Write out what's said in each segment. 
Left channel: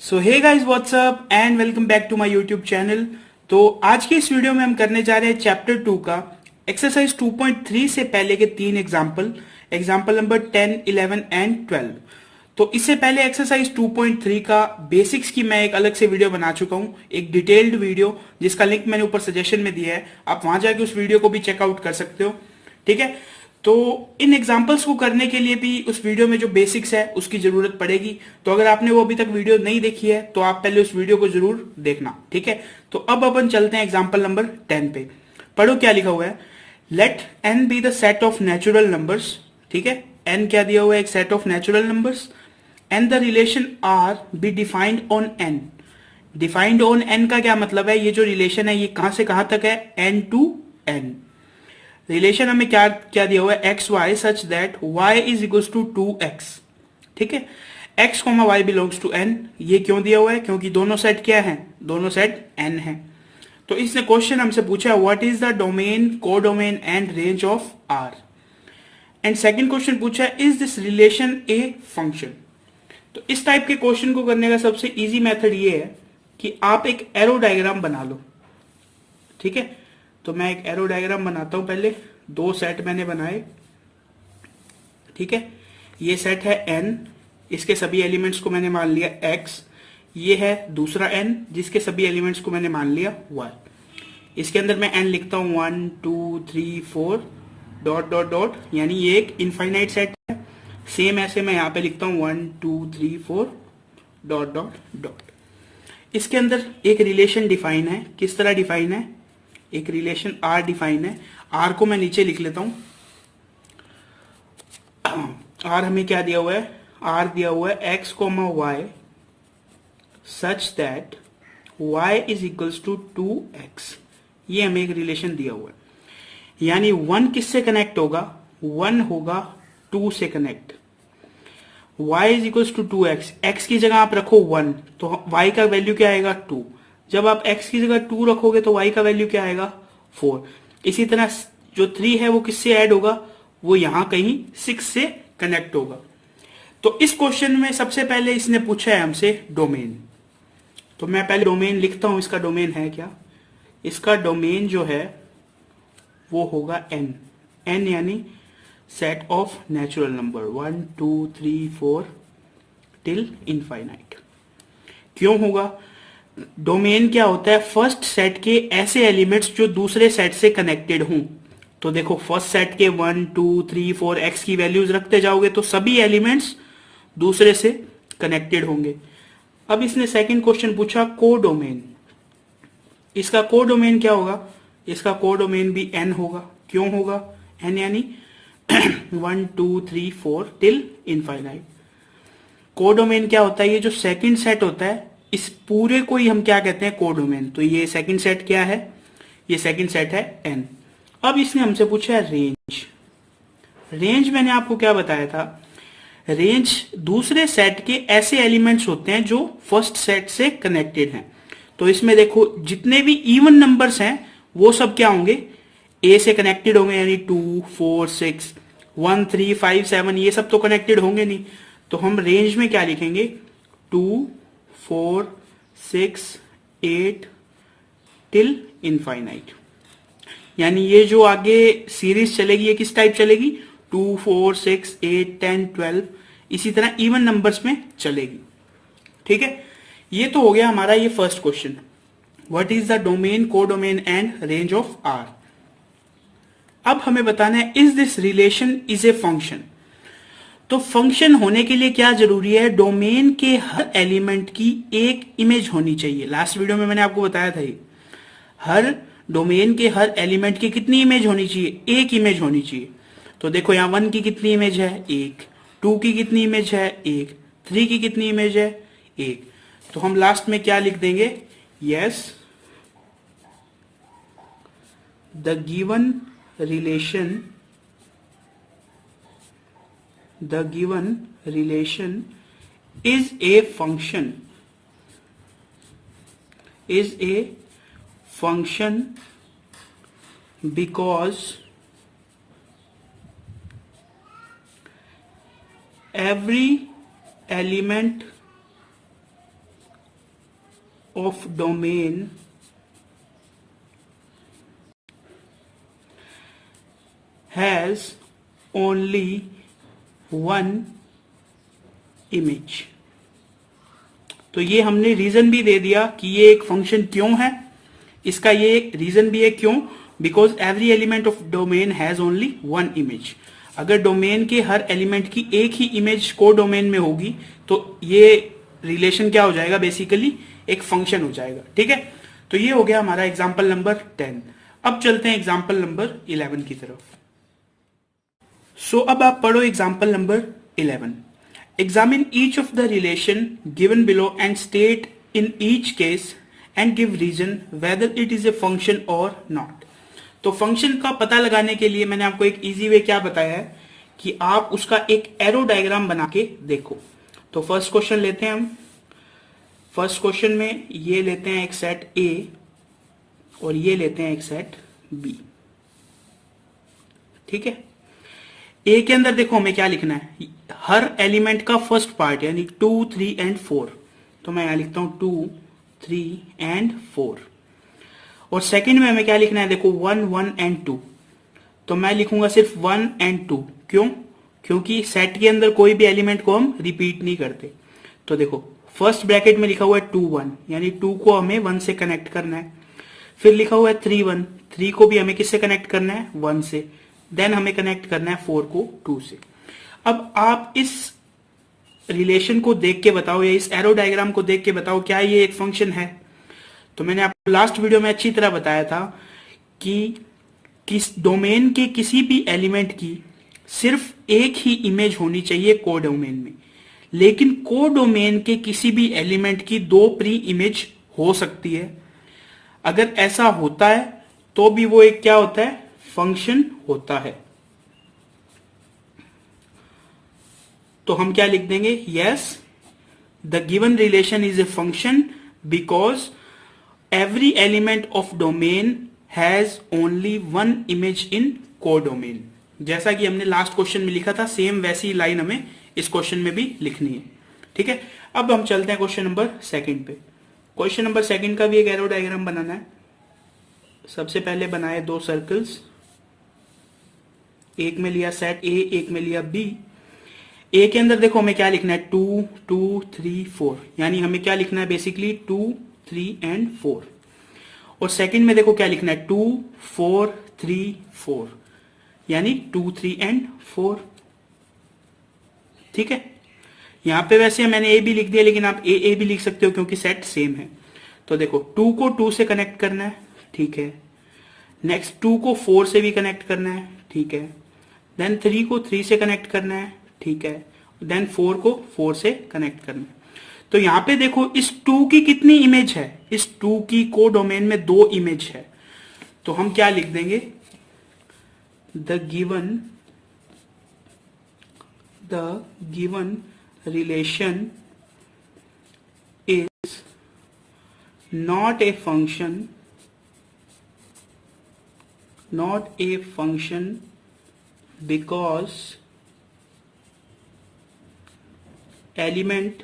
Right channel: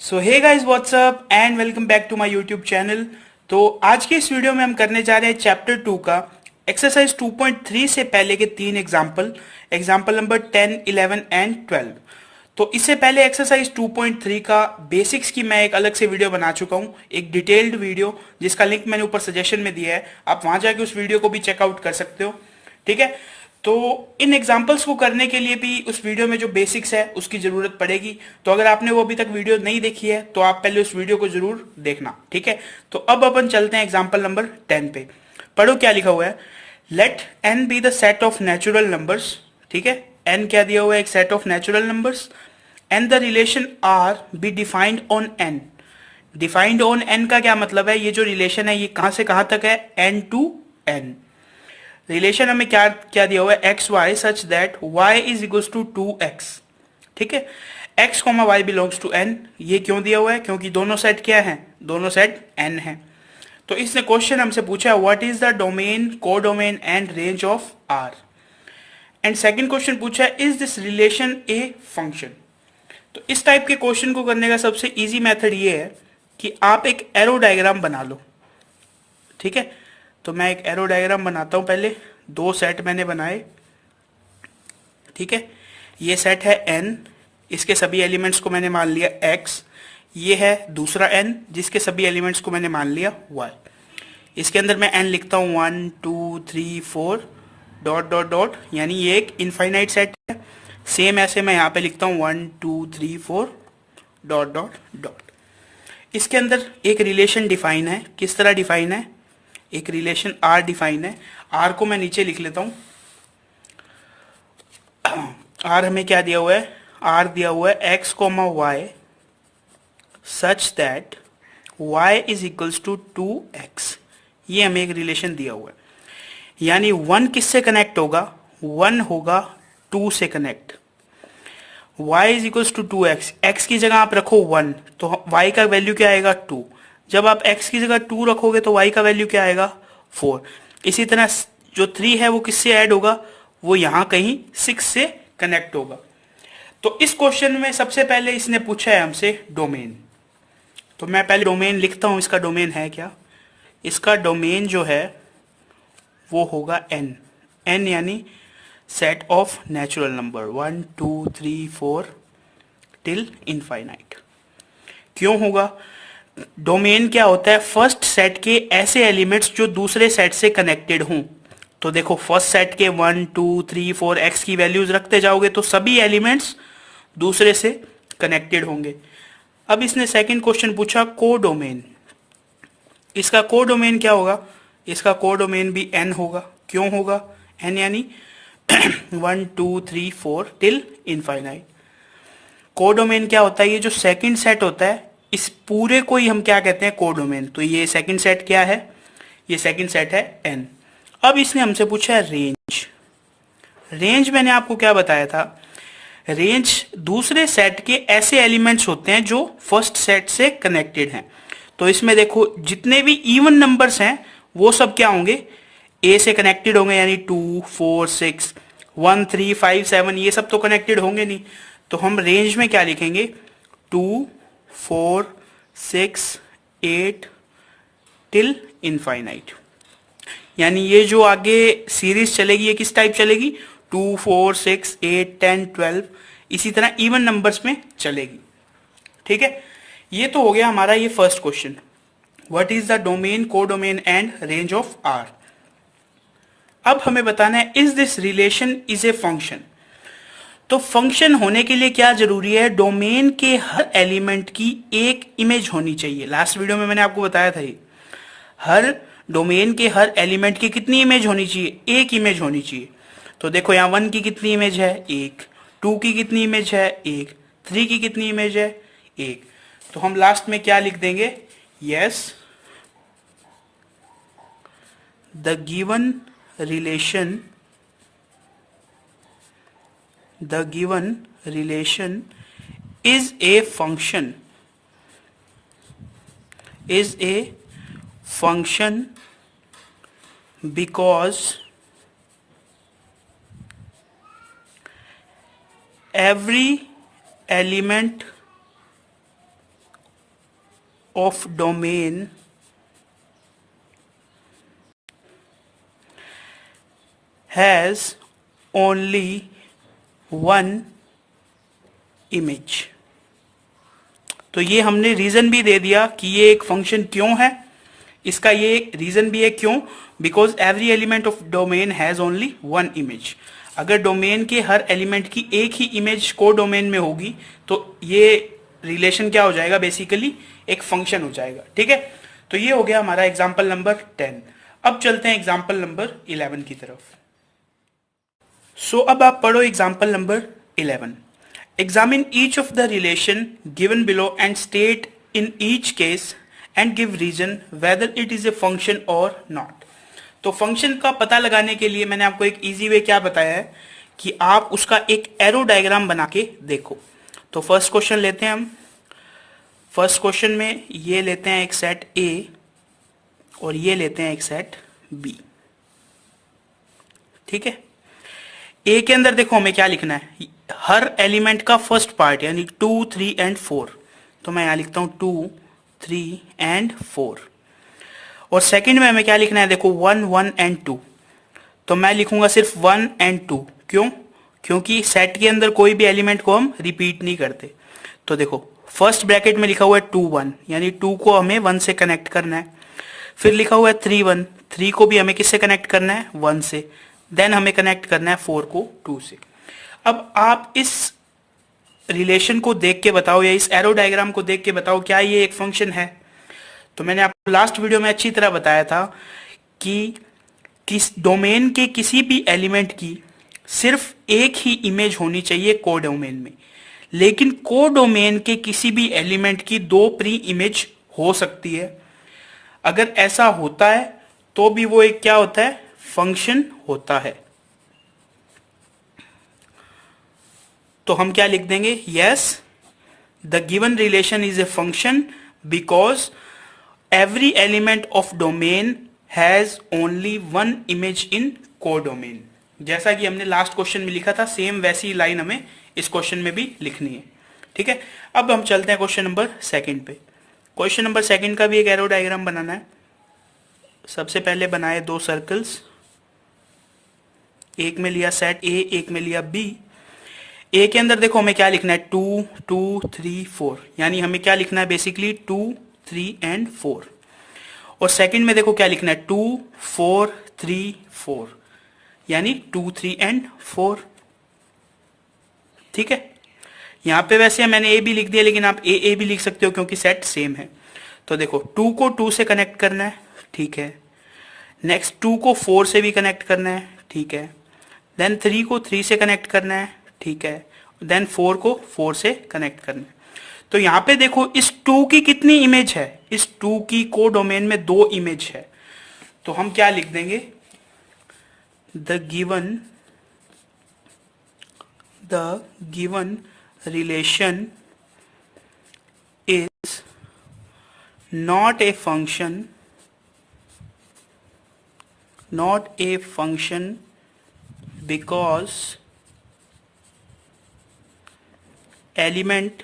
So hey guys what's up and welcome back to my YouTube channel. तो आज के इस वीडियो में हम करने जा रहे हैं चैप्टर 2 का एक्सरसाइज 2.3 से पहले के 3 एग्जाम्पल नंबर 10, 11 एंड 12। तो इससे पहले एक्सरसाइज 2.3 का बेसिक्स की मैं एक अलग से वीडियो बना चुका हूं, एक डिटेल्ड वीडियो जिसका लिंक मैंने ऊपर सजेशन में दिया है। आप वहां जाके उस वीडियो को भी चेकआउट कर सकते हो। ठीक है, तो इन एग्जाम्पल्स को करने के लिए भी उस वीडियो में जो बेसिक्स है उसकी जरूरत पड़ेगी। तो अगर आपने वो अभी तक वीडियो नहीं देखी है तो आप पहले उस वीडियो को जरूर देखना। ठीक है, तो अब अपन चलते हैं एग्जाम्पल नंबर 10 पे। पढ़ो क्या लिखा हुआ है। Let N be the set of natural numbers. ठीक है, एन क्या दिया हुआ है, एक set of natural numbers and the relation R be defined on N. Defined on N का क्या मतलब है, ये जो रिलेशन है ये कहां से कहां तक है, एन टू एन। रिलेशन हमें क्या क्या दिया हुआ है, X Y such that Y is equals to 2x। ठीक है, x comma Y belongs to n। ये क्यों दिया हुआ है, क्योंकि दोनों सेट क्या है, दोनों सेट n है। तो इसने क्वेश्चन हमसे पूछा है what is the domain, codomain and range of r। And second question पूछा है is this relation A function. तो इस टाइप के क्वेश्चन को करने का सबसे इजी मेथड ये है कि आप एक एरो डायग्राम बना लो। ठीक है, तो मैं एक एरो डायग्राम बनाता हूं। पहले दो सेट मैंने बनाए। ठीक है, ये सेट है n, इसके सभी एलिमेंट्स को मैंने मान लिया x। ये है दूसरा n जिसके सभी एलिमेंट्स को मैंने मान लिया y। इसके अंदर मैं n लिखता हूं 1 2 3 4 डॉट डॉट डॉट, यानी ये एक इनफाइनाइट सेट है। सेम ऐसे मैं यहां पे लिखता हूं 1 2 3 4 डॉट डॉट डॉट। इसके अंदर एक रिलेशन डिफाइन है। किस तरह डिफाइन है, एक रिलेशन R डिफाइन है। R को मैं नीचे लिख लेता हूं। R हमें क्या दिया हुआ है, R दिया हुआ है x comma Y such that y is equals to 2x। ये हमें एक रिलेशन दिया हुआ है, यानी 1 किससे कनेक्ट होगा, 1 होगा 2 से connect. y is equals to 2x, x की जगह आप रखो 1 तो y का वैल्यू क्या आएगा 2। जब आप x की जगह 2 रखोगे तो y का वैल्यू क्या आएगा 4। इसी तरह जो 3 है वो किससे ऐड होगा, वो यहां कहीं 6 से कनेक्ट होगा। तो इस क्वेश्चन में सबसे पहले इसने पूछा है हमसे डोमेन। तो मैं पहले डोमेन लिखता हूं, इसका डोमेन है क्या। इसका डोमेन जो है वो होगा n। n यानी set of natural number 1 2 3 4 till infinite. क्यों होगा, डोमेन क्या होता है, फर्स्ट सेट के ऐसे एलिमेंट्स जो दूसरे सेट से कनेक्टेड हों। तो देखो फर्स्ट सेट के 1 2 3 4 x की वैल्यूज रखते जाओगे तो सभी एलिमेंट्स दूसरे से कनेक्टेड होंगे। अब इसने सेकंड क्वेश्चन पूछा को डोमेन। इसका को डोमेन क्या होगा, इसका को डोमेन भी n होगा। क्यों होगा, n यानी 1 2 3 4 टिल इनफाइनाइट। को डोमेन क्या होता है, ये जो सेकंड सेट होता है इस पूरे को ही हम क्या कहते हैं, को डोमेन। तो ये सेकंड सेट क्या है, ये सेकंड सेट है n। अब इसने हमसे पूछा है रेंज। रेंज मैंने आपको क्या बताया था, रेंज दूसरे सेट के ऐसे एलिमेंट्स होते हैं जो फर्स्ट सेट से कनेक्टेड हैं। तो इसमें देखो जितने भी इवन नंबर्स हैं वो सब क्या होंगे, ए से कनेक्टेड होंगे, यानी 2 4 6 1 3 5 7 ये सब तो कनेक्टेड होंगे नहीं। तो हम रेंज में क्या लिखेंगे, 2 4 6 8 टिल इनफाइनाइट। यानी ये जो आगे सीरीज चलेगी ये किस टाइप चलेगी, 2 4 6 8 10 12 इसी तरह इवन नंबर्स में चलेगी। ठीक है, ये तो हो गया हमारा ये first question, what is the domain, codomain and range of R। अब हमें बताना है is this relation is a function. तो फंक्शन होने के लिए क्या जरूरी है, डोमेन के हर एलिमेंट की एक इमेज होनी चाहिए। लास्ट वीडियो में मैंने आपको बताया था ये, हर डोमेन के हर एलिमेंट की कितनी इमेज होनी चाहिए, एक इमेज होनी चाहिए। तो देखो यहाँ 1 की कितनी इमेज है, एक। 2 की कितनी इमेज है, एक। 3 की कितनी इमेज है, एक। तो हम लास्ट में क्या लिख देंगे, yes the given relation is a function because every element of domain has only one image. तो ये हमने रीजन भी दे दिया कि ये एक फंक्शन क्यों है, इसका ये रीजन भी है क्यों, because every element of domain has only one image. अगर डोमेन के हर एलिमेंट की एक ही इमेज को डोमेन में होगी तो ये रिलेशन क्या हो जाएगा, बेसिकली एक फंक्शन हो जाएगा. ठीक है, तो ये हो गया हमारा एग्जाम्पल नंबर 10. अब चलते हैं एग्जाम्पल नंबर 11 की तरफ. सो अब आप पढ़ो example number 11. Examine each of the relation given below and state in each case and give reason whether it is a function or not. तो फंक्शन का पता लगाने के लिए मैंने आपको एक इजी वे क्या बताया है कि आप उसका एक एरो डायग्राम बना के देखो. तो फर्स्ट क्वेश्चन लेते हैं हम. फर्स्ट क्वेश्चन में ये लेते हैं एक सेट A और ये लेते हैं एक सेट B. ठीक है, ए के अंदर देखो हमें क्या लिखना है, हर एलिमेंट का फर्स्ट पार्ट यानी 2, 3 एंड 4. तो मैं यहां लिखता हूं 2, 3 एंड 4. और सेकंड में हमें क्या लिखना है, देखो 1, 1 एंड 2. तो मैं लिखूंगा सिर्फ 1 एंड 2. क्यों? क्योंकि सेट के अंदर कोई भी एलिमेंट को हम रिपीट नहीं करते. तो देखो फर्स्ट ब्रैकेट में लिखा हुआ है 2, 1 यानी 2 को हमें 1 से कनेक्ट करना है. फिर लिखा हुआ है 3, 1, 3 को भी हमें किससे कनेक्ट करना है, 1 से. देन हमें कनेक्ट करना है 4 को 2 से. अब आप इस रिलेशन को देख के बताओ या इस एरो डायग्राम को देख के बताओ क्या ये एक फंक्शन है. तो मैंने आपको लास्ट वीडियो में अच्छी तरह बताया था कि किस डोमेन के किसी भी एलिमेंट की सिर्फ एक ही इमेज होनी चाहिए को डोमेन में, लेकिन को डोमेन के किसी भी एलिमेंट की 2 प्री इमेज हो सकती है. अगर ऐसा होता है तो भी वो एक क्या होता है, फंक्शन होता है. तो हम क्या लिख देंगे, yes the given relation is a function because every element of domain has only one image in को डोमेन. जैसा कि हमने लास्ट क्वेश्चन में लिखा था सेम वैसी लाइन हमें इस क्वेश्चन में भी लिखनी है. ठीक है, अब हम चलते हैं क्वेश्चन नंबर 2 पे. क्वेश्चन नंबर 2 का भी एक एरो डायग्राम बनाना है. सबसे पहले बनाए 2 सर्कल्स, एक में लिया सेट A, एक में लिया B. A के अंदर देखो हमें क्या लिखना है, 2, 2, 3, 4 यानी हमें क्या लिखना है बेसिकली 2, 3 एंड 4. और सेकंड में देखो क्या लिखना है 2, 4, 3, 4 यानी 2, 3 एंड 4. ठीक है, यहां पे वैसे मैंने A भी लिख दिया लेकिन आप A भी लिख सकते हो क्योंकि सेट सेम है. तो देखो 2 को 2 से कनेक्ट करना है. ठीक है, नेक्स्ट 2 को 4 से भी कनेक्ट करना है. ठीक है, देन 3 को 3 से कनेक्ट करना है. ठीक है, देन 4 को 4 से कनेक्ट करना है. तो यहां पे देखो इस 2 की कितनी इमेज है, इस 2 की को डोमेन में 2 इमेज है. तो हम क्या लिख देंगे, the given relation is not a function because element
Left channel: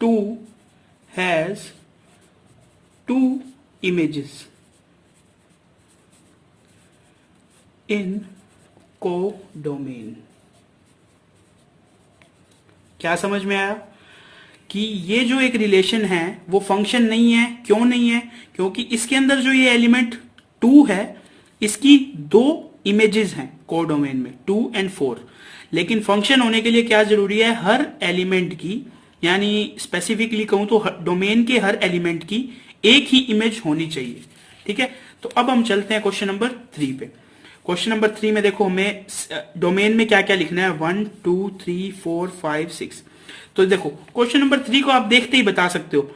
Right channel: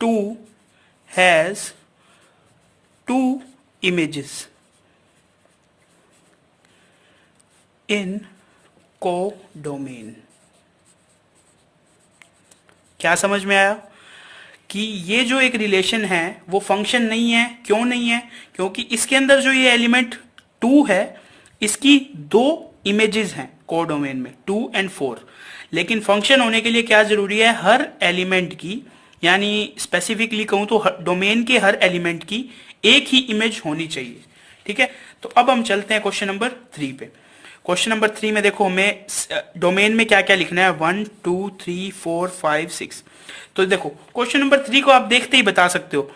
2 has 2 images in codomain. क्या समझ में आया कि ये जो एक रिलेशन है वो फंक्शन नहीं है. क्यों नहीं है, क्योंकि इसके अंदर जो ये एलिमेंट 2 है इसकी 2 इमेजेस हैं को डोमेन में, 2 एंड 4. लेकिन फंक्शन होने के लिए क्या जरूरी है, हर एलिमेंट की यानी स्पेसिफिकली कहूं तो डोमेन के हर एलिमेंट की एक ही इमेज होनी चाहिए. ठीक है, तो अब हम चलते हैं क्वेश्चन नंबर 3 पे. क्वेश्चन नंबर 3 में देखो हमें डोमेन में क्या क्या लिखना है, 1, 2, 3, 4, 5, 6. तो देखो क्वेश्चन नंबर 3 को आप देखते ही बता सकते हो.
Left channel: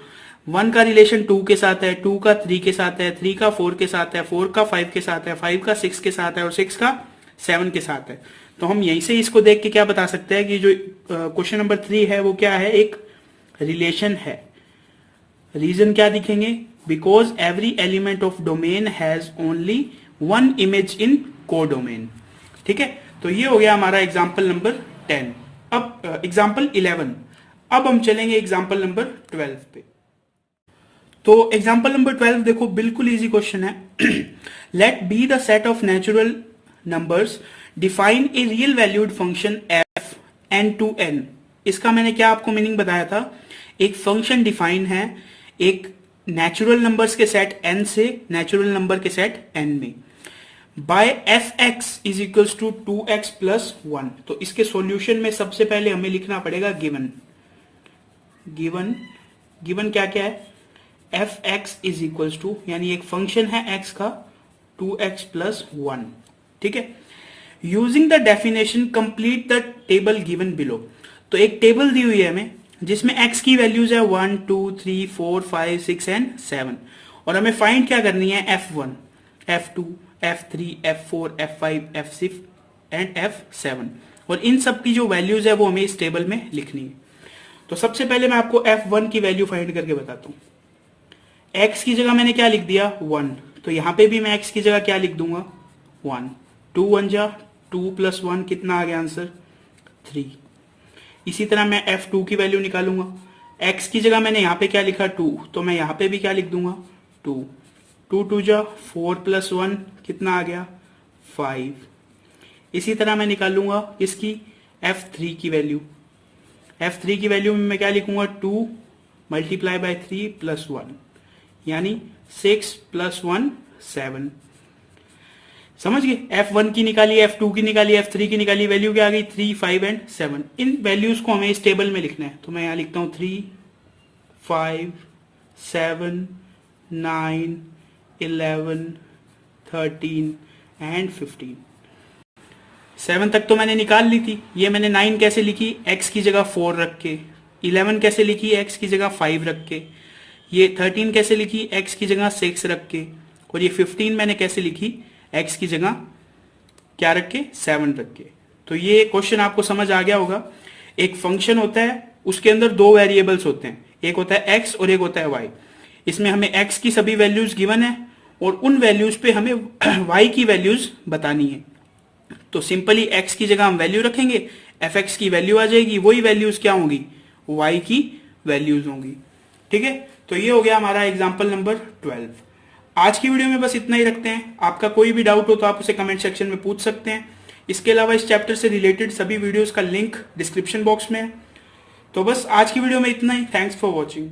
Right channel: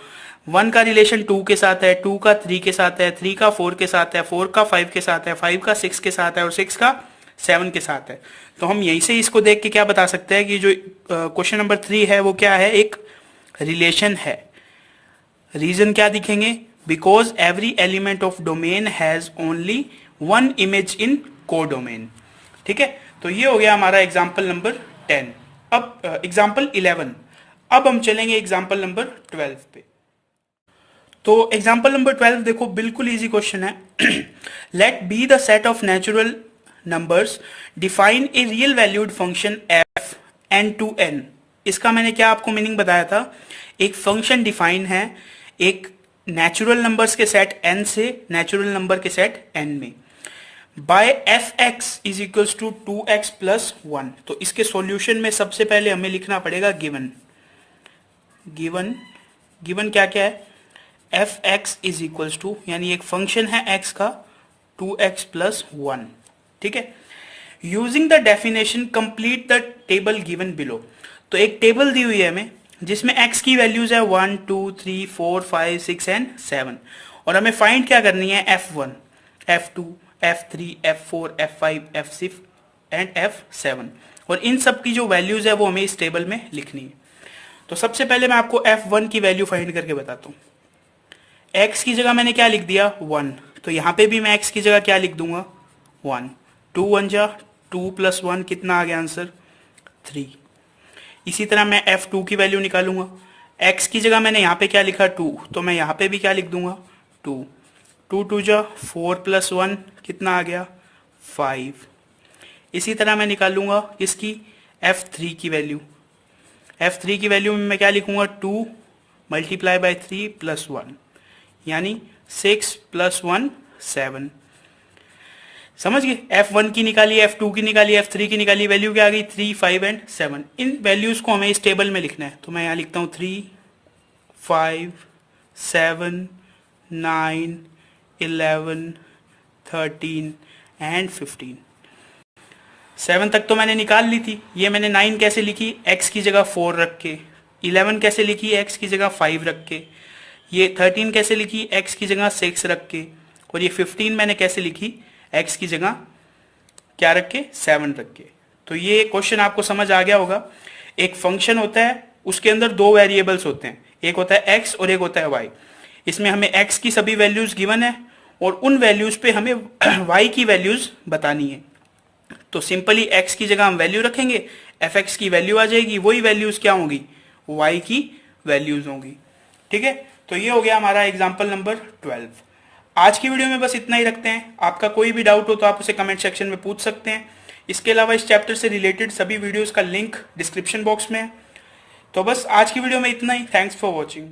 1 का रिलेशन 2 के साथ है, 2 का 3 के साथ है, 3 का 4 के साथ है, 4 का 5 के साथ है, 5 का 6 के साथ है और 6 का 7 के साथ है. तो हम यहीं से इसको देख के क्या बता सकते हैं कि जो क्वेश्चन नंबर 3 है वो क्या है, एक रिलेशन है. रीजन क्या दिखेंगे, because every element of domain has only one image in को डोमेन. ठीक है, तो ये हो गया हमारा एग्जाम्पल नंबर 10. अब एग्जाम्पल 11. अब हम चलेंगे एग्जाम्पल नंबर 12 पे। तो एग्जाम्पल नंबर 12 देखो, बिल्कुल इजी क्वेश्चन है। Let be the set of natural numbers define a real valued function F N to N. इसका मैंने क्या आपको मीनिंग बताया था, एक फंक्शन डिफाइन है एक नेचुरल नंबर्स के सेट n से नेचुरल नंबर के सेट n में, by F X is equals to 2x plus 1। तो इसके सॉल्यूशन में सबसे पहले हमें लिखना पड़ेगा गिवन। गिवन क्या क्या है, F X is equals to, यानी एक फंक्शन है x का 2x प्लस 1, ठीक है। Using the definition complete the table given below. तो एक टेबल दी हुई है हमें जिसमें x की वैल्यूज है 1 2 3 4 5 6 एंड 7, और हमें फाइंड क्या करनी है, f1 f2 f3 f4 f5 f6 and f7, और इन सब की जो वैल्यूज है वो हमें इस टेबल में लिखनी है। तो सबसे पहले मैं आपको f1 की वैल्यू फाइंड करके बताता हूं। x की जगह मैंने क्या लिख दिया 1, तो यहां पे भी मैं x की जगह क्या लिख दूंगा 1। 2 1 जा 2 प्लस 1 कितना आ गया आंसर 3। इसी तरह मैं f2 की वैल्यू निकालूंगा, x की जगह मैंने यहाँ पे क्या लिखा 2, तो मैं यहाँ पे भी क्या लिख दूंगा 2। 2 2 जा 4 प्लस 1 कितना आ गया 5। इसी तरह मैं निकालूंगा इसकी f3 की वैल्यू। f3 की वैल्यू में मैं क्या लिखूंगा 2 मल्टीप्लाई बाय 3 प्लस 1, यानी 6 प्लस 1 7। समझ गए, f1 की निकाली, f2 की निकाली, f3 की निकाली, वैल्यू क्या आ गई 3 5 एंड 7। इन वैल्यूज को हमें इस टेबल में लिखना है, तो मैं यहां लिखता हूं 3 5 7 9 11 13 एंड 15। 7 तक तो मैंने निकाल ली थी। ये मैंने 9 कैसे लिखी, x की जगह 4 रख के। 11 कैसे लिखी, x की जगह 5 रख के। ये 13 कैसे लिखी, x की जगह 6 रख के। और ये 15 मैंने कैसे लिखी, x की जगह क्या रख के 7 रख के। तो ये क्वेश्चन आपको समझ आ गया होगा। एक फंक्शन होता है, उसके अंदर दो वेरिएबल्स होते हैं, एक होता है x और एक होता है y। इसमें हमें x की सभी वैल्यूज गिवन है और उन वैल्यूज पे हमें y की वैल्यूज बतानी है। तो सिंपली x की जगह हम वैल्यू रखेंगे, fx की वैल्यू आ जाएगी, वही वैल्यूज क्या होंगी y की वैल्यूज होंगी, ठीक है। तो ये हो गया हमारा एग्जाम्पल नंबर 12। आज की वीडियो में बस इतना ही रखते हैं। आपका कोई भी डाउट हो तो आप उसे कमेंट सेक्शन में पूछ सकते हैं। इसके अलावा इस चैप्टर से रिलेटेड सभी वीडियोस का लिंक डिस्क्रिप्शन बॉक्स में है। तो बस आज की वीडियो में इतना ही। Thanks for watching.